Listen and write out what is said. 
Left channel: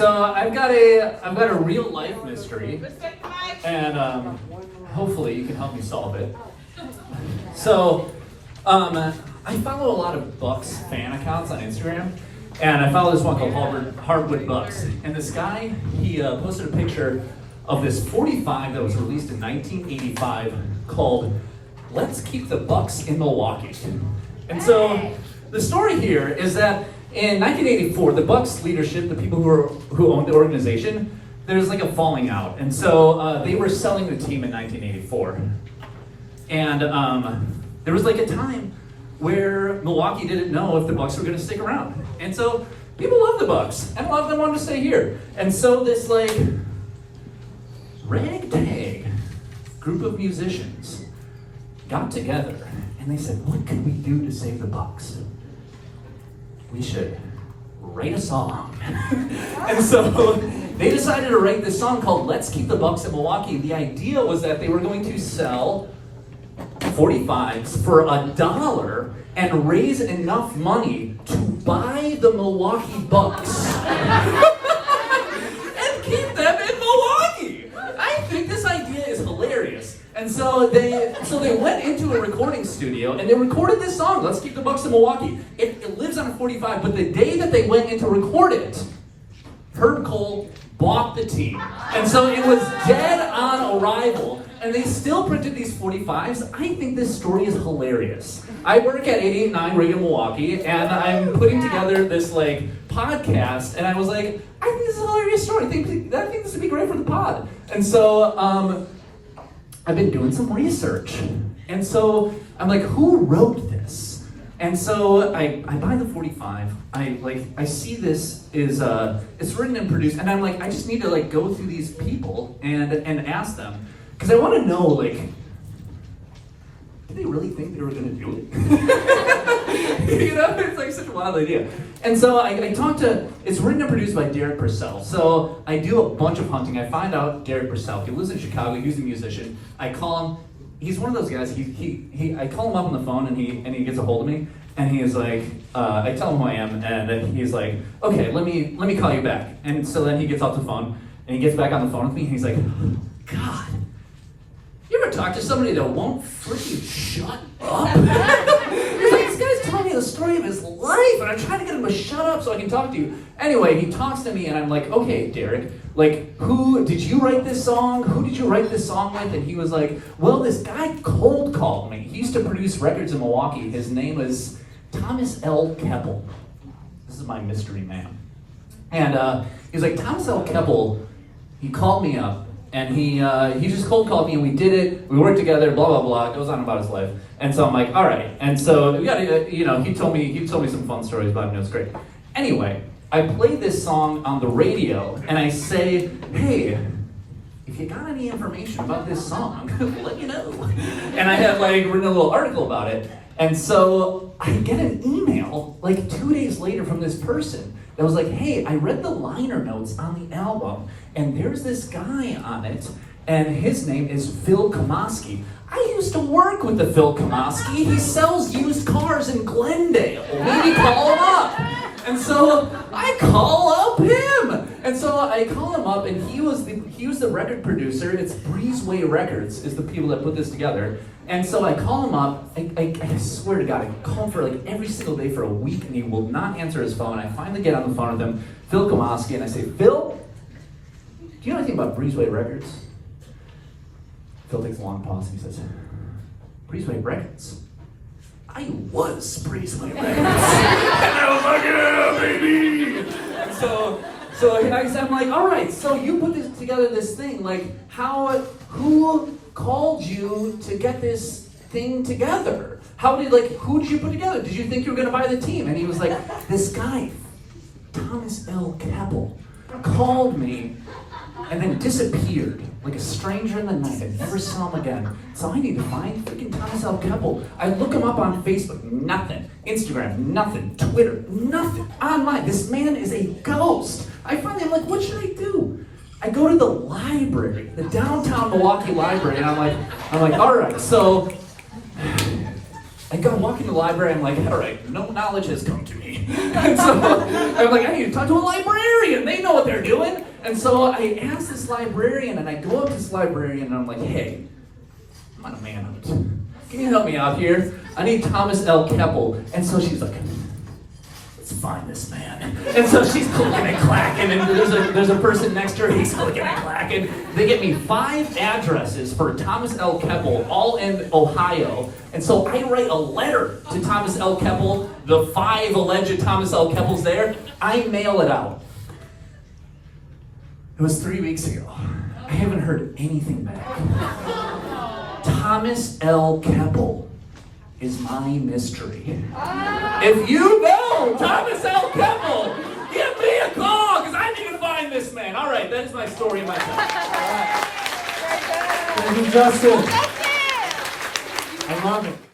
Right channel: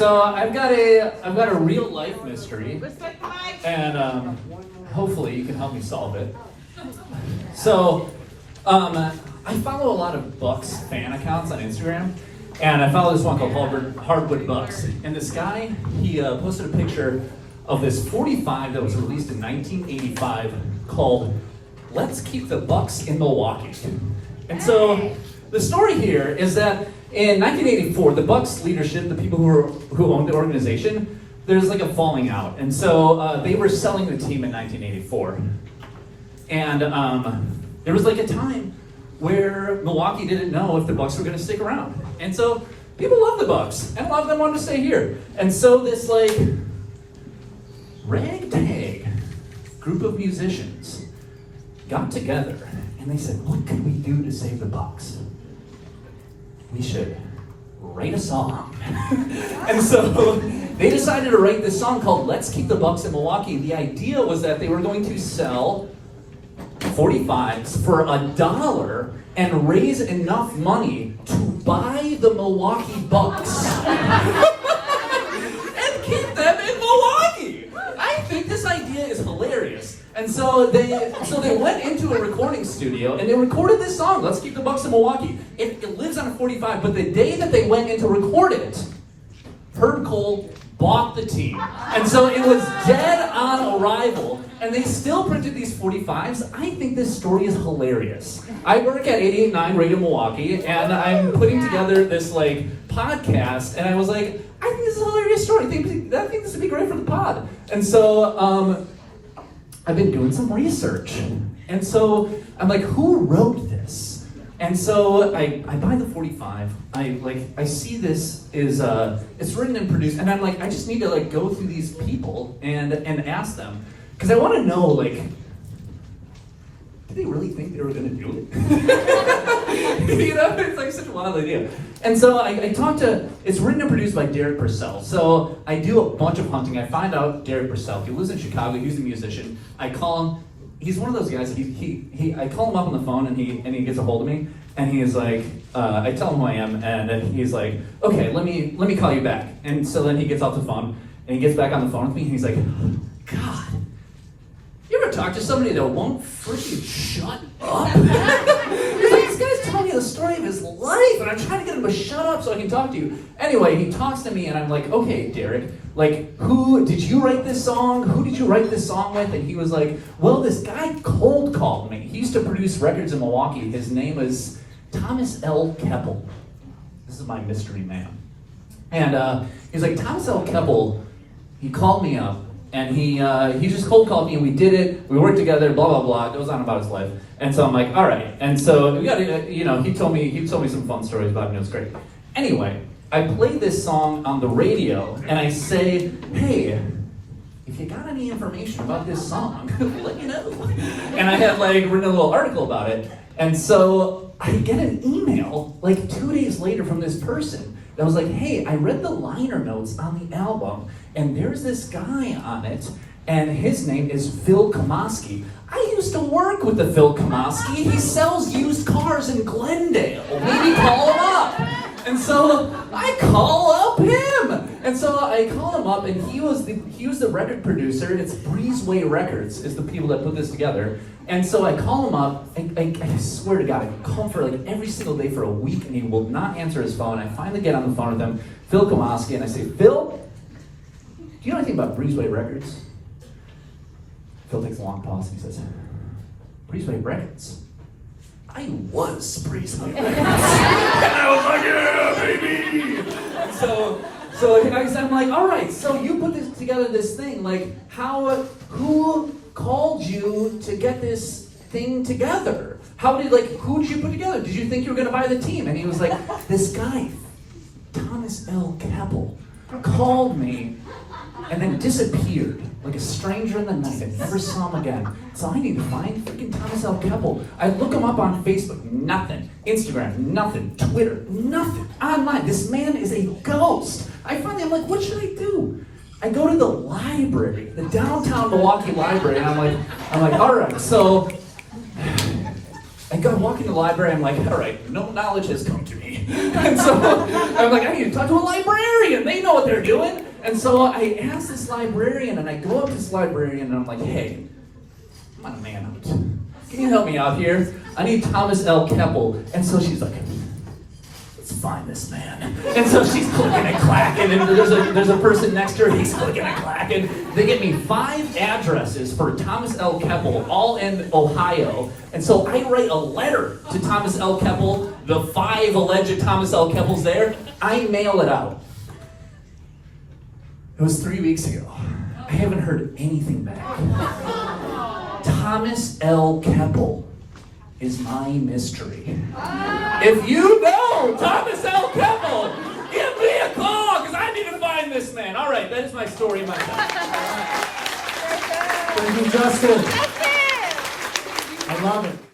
So I've got a real life mystery, and hopefully you can help me solve it. So I follow a lot of Bucks fan accounts on Instagram, and I follow this one called Hardwood Bucks. And this guy, he posted a picture of this 45 that was released in 1985 called "Let's Keep the Bucks in Milwaukee." And so the story here is that in 1984, the Bucks leadership, the people who owned the organization, there's like a falling out. And so they were selling the team in 1984. And there was like a time where Milwaukee didn't know if the Bucks were going to stick around. And so people love the Bucks, and a lot of them wanted to stay here. And so this like ragtag group of musicians got together, and they said, "What can we do to save the Bucks? We should write a song." And so they decided to write this song called "Let's Keep the Bucks in Milwaukee." The idea was that they were going to sell 45s for $1 and raise enough money to buy the Milwaukee Bucks and keep them in Milwaukee. I think this idea is hilarious. And so they went into a recording studio and they recorded this song, "Let's Keep the Bucks in Milwaukee." It lives on a 45, but the day that they went in to record it, Herb Cole bought the team. And so it was dead on arrival, and they still printed these 45s. I think this story is hilarious. I work at 88.9 Radio Milwaukee, and I'm putting together this like podcast, and I was like, I think this is a hilarious story. I think this would be great for the pod. And so I've been doing some research, and so I'm like, who wrote this? And so I buy the 45. I see this is it's written and produced, and I'm like, I just need to like go through these people and ask them, because I want to know, like, did they really think they were going to do it? You know, it's like such a wild idea. And so I talked to, it's written and produced by Derek Purcell. So I do a bunch of hunting. I find out Derek Purcell, he lives in Chicago, he's a musician. I call him, he's one of those guys, I call him up on the phone and he gets a hold of me. And he is like, I tell him who I am, and he's like, okay, let me call you back. And so then he gets off the phone, and he gets back on the phone with me, and he's like, God, you ever talk to somebody that won't freaking shut up? He's like, this guy's telling me the story of his life, and I'm trying to get him to shut up so I can talk to you. Anyway, he talks to me, and I'm like, okay, Derek, like, who did you write this song? Who did you write this song with? And he was like, well, this guy cold called me. He used to produce records in Milwaukee. His name is Thomas L. Keppel. This is my mystery man. And he was like, Thomas L. Keppel, he called me up, and he just cold called me, and we did it. We worked together, blah, blah, blah. It goes on about his life. And so I'm like, all right. And so we got to, you know, he told me some fun stories about him. It was great. Anyway, I played this song on the radio, and I say, hey, if you got any information about this song, let me know. And I had like written a little article about it. And so I get an email like 2 days later from this person that was like, hey, I read the liner notes on the album, and there's this guy on it, and his name is Phil Kamosky. I used to work with the Phil Kamosky. He sells used cars in Glendale. Maybe call him up. And so I call up him. And so I call him up, and he was the record producer. It's Breezeway Records is the people that put this together. And so I call him up, I swear to God, I call him for like every single day for a week, and he will not answer his phone. I finally get on the phone with him, Phil Kamosky, and I say, Phil, do you know anything about Breezeway Records? Phil takes a long pause, and he says, Breezeway Records? I was Breezeway Records. And I was like, yeah, baby! And so I'm like, all right, so you put this together, this thing, like, who called you to get this thing together? Who did you put together? Did you think you were gonna buy the team? And he was like, this guy, Thomas L. Keppel, called me and then disappeared like a stranger in the night. I never saw him again. So I need to find freaking Thomas L. Keppel. I look him up on Facebook, nothing. Instagram, nothing. Twitter, nothing. Online, this man is a ghost. I finally am like, what should I do? I go to the library, the downtown Milwaukee library, and I'm like, all right, so I go walk in the library, I'm like, all right, no knowledge has come to me. And so I'm like, I need to talk to a librarian. They know what they're doing. And so I asked this librarian, and I go up to this librarian, and I'm like, hey, I'm on a manhunt. Can you help me out here? I need Thomas L. Keppel. And so she's like, let's find this man. And so she's clicking and clacking, and there's a person next to her, he's clicking and clacking. They get me 5 addresses for Thomas L. Keppel, all in Ohio. And so I write a letter to Thomas L. Keppel, the 5 alleged Thomas L. Keppels there. I mail it out. It was 3 weeks ago. I haven't heard anything back. Thomas L. Keppel is my mystery. If you know Thomas L. Keppel, give me a call, because I need to find this man. All right, that is my story, my time. Thank you, Justin. I love it.